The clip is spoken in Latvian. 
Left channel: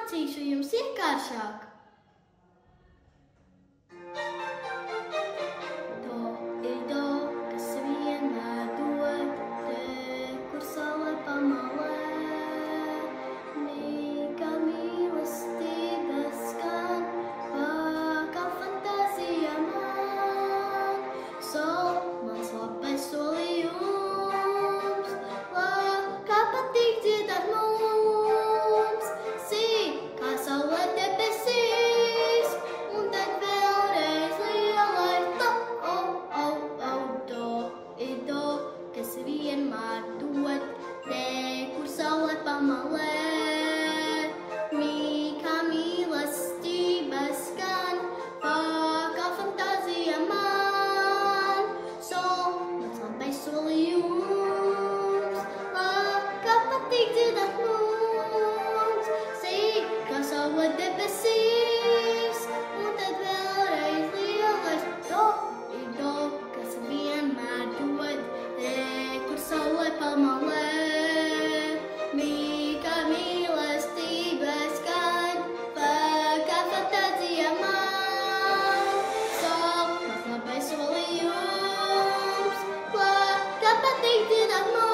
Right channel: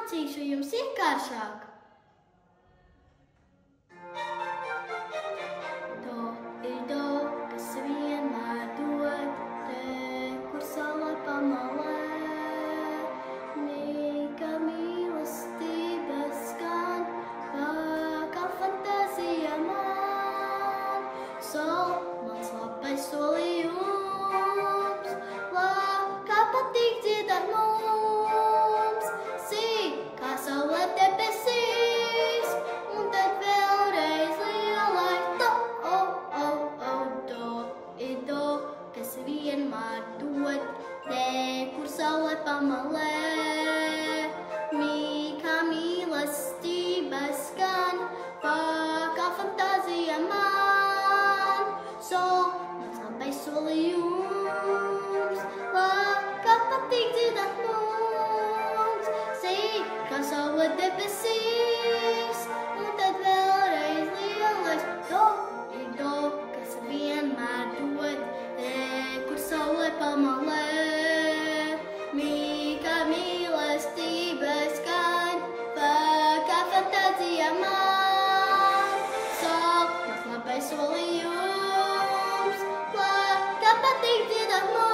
mācīšu jums vienkāršāk. Do ir do, kas vienmēr dod, te, kur saule pamalē. Mi, kā mīlestība skan, kā fantāzija man. Sol, mans labais solījums, kā patīk dziedāt mums. Si, kā saule debesīs, un tad vēlreiz lielais do, do ir do, kas vienmēr dod, te, kur saule pamalē. Mi, kā mīlestība skan, kā fantāzija man. Sol, mans labais solījums, kā patīk dziedāt mums. Si, kā saule debesīs, un tad vēlreiz lielais do ir do, kas vienmēr dod, te, kur saule pamalē. Mi, kā mīlestība skan, kā fantāzija man. Sol, mans labais solījums, kā patīk dziedāt mums.